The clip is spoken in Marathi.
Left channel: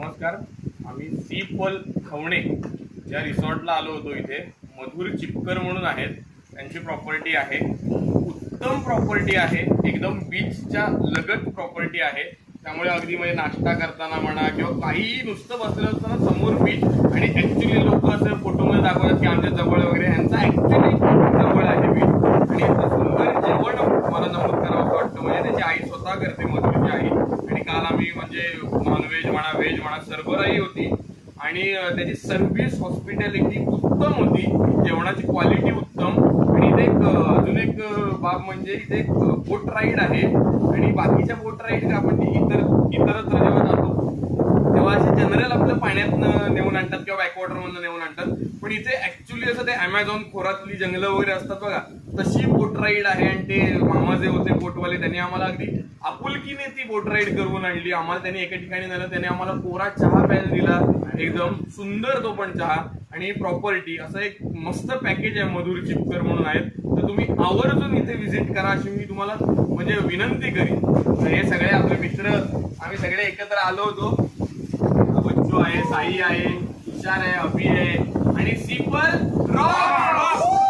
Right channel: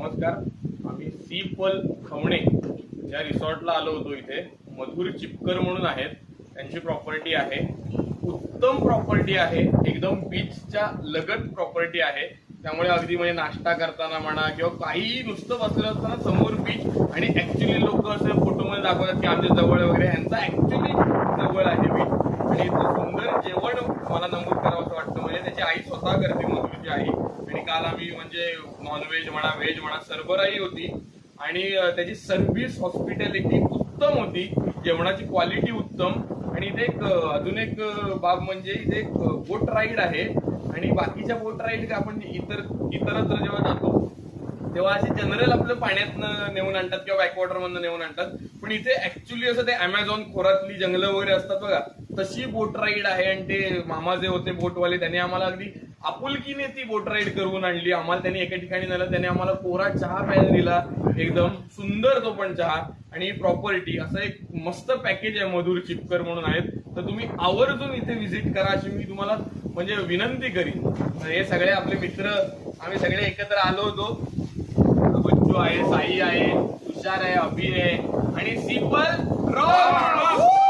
नमस्कार. आम्ही सी पल खवणे या रिसॉर्टला आलो होतो. इथे मधुर चिपकर म्हणून आहेत, त्यांची प्रॉपर्टी आहे. उत्तम प्रॉपर्टी आहे, एकदम बीचच्या लगत प्रॉपर्टी आहे. त्यामुळे अगदी म्हणजे नाश्ता करताना म्हणा किंवा काही नुसतं बसलेलं असताना समोर बीच आणि ऍक्च्युली लोक असं फोटोमध्ये दाखवतात की आमच्या जवळ वगैरे, यांचा ऍक्च्युली जवळ आहे बीच. आणि सुंदर जेवण मला नमूद करावं असं वाटतं. म्हणजे त्याची आई स्वतः करते, मधुरची आई. आणि काल आम्ही म्हणजे नॉनव्हेज म्हणा व्हेज म्हणा सरबराई होती आणि त्याची सर्व्हिस हॉस्पिटॅलिटी उत्तम होती, जेवणाची क्वालिटी उत्तम. आणि इथे एक अजून एक बाब म्हणजे इथे एक बोट राईड आहे. आणि बाकीच्या बोट राईड आपण इतरत्र जेव्हा जातो तेव्हा असे जनरल आपल्या पाण्यातनं नेऊन आणतात किंवा बॅकवॉटर मधनं नेऊन आणतात. पण इथे ऍक्च्युली असं ते अमेझॉन खोऱ्यातली जंगलं वगैरे असतात बघा, तशी बोट राईड आहे. आणि ते मामा जे होते बोटवाले त्यांनी आम्हाला अगदी आपुलकीने ती बोट राईड करून आणली. आम्हाला त्यांनी एका ठिकाणी नेलं, त्याने आम्हाला कोरा चहा प्यायला दिला, एकदम सुंदर तो पण चहा. आणि प्रॉपर्टी असं एक मस्त पॅकेज आहे मधुर चिपकर म्हणून आहेत. तर तुम्ही आवर्जून इथे व्हिजिट करा अशी मी तुम्हाला म्हणजे विनंती करीन. तर हे सगळे आपले मित्र आम्ही सगळे एकत्र आलो होतो. बच्चू आहे, साई आहे, तुषार आहे, अभि आहे आणि सी पल रॉक.